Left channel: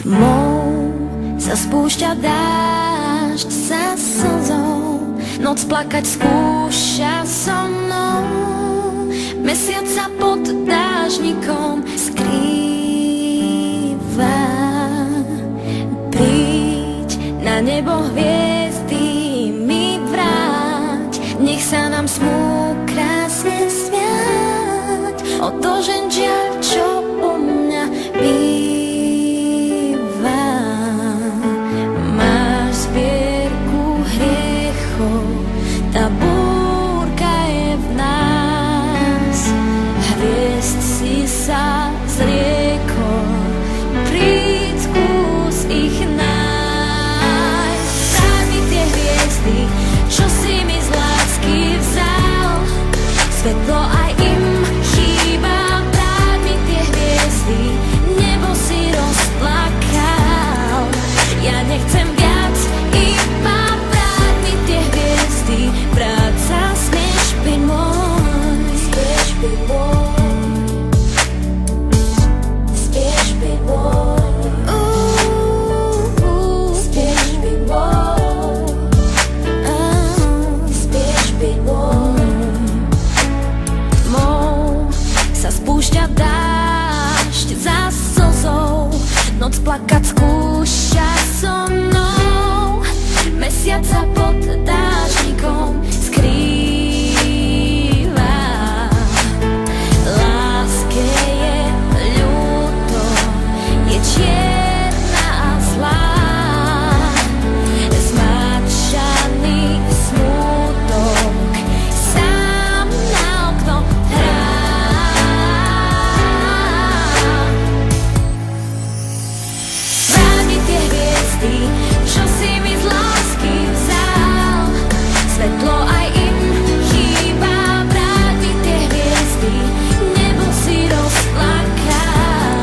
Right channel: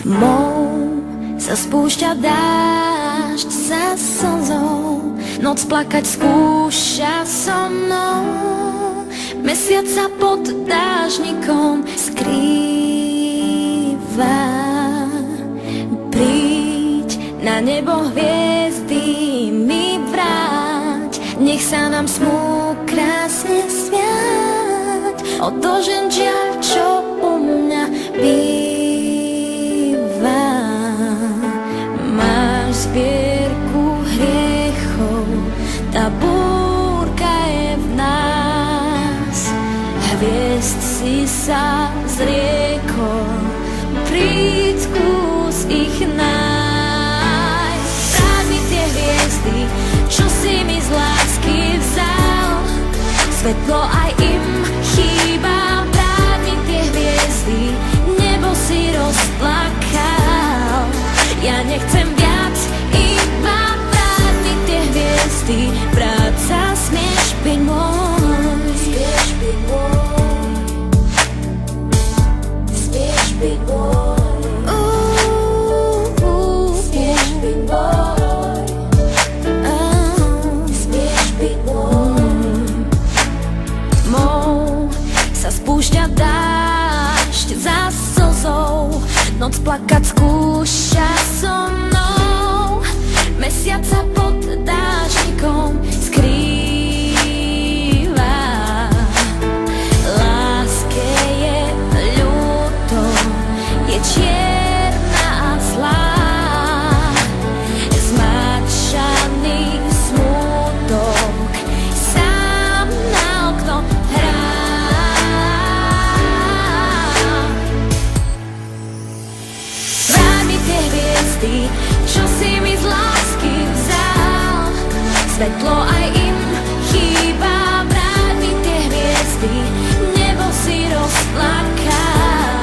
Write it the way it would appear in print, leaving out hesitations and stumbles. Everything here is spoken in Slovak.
Tmou sa spúšťa dážď za slzou, noc plakať skúša so mnou. Mesiac sa pod dážnikom skrýva. Príď na nebo hviezdy mi vráť, nech sa nám smú krásne sviať. Odložen žiaľ, čo u mňa býva. Máš zbierku hriechov, tá búrka je v nás. Hviezd si sa zriekol, príď skús ich nájsť. Vráť mi tie hviezdy, čo si mi z lásky vzal. Svetlo aj im chýba, vráť mi tie hviezdy, nebo si rozplakal. Ja nechcem viac, iba vráť mi tie hviezdy, práca smieš byť môj. Smieš byť môj. Smieš byť môj. Smieš byť môj. Smieš byť môj. Tmou sa spúšťa dážď za slzou, noc plakať skúša so mnou. Mesiac sa pod dážnikom skrýva. Láske je ľúto, je čierna a zlá. Zmáčaný smútok sám na okno hrá. Vráť mi tie hviezdy, čo si mi z lásky vzal. Svetlo aj im chýba, vráť mi tie hviezdy, nebo si rozplakal.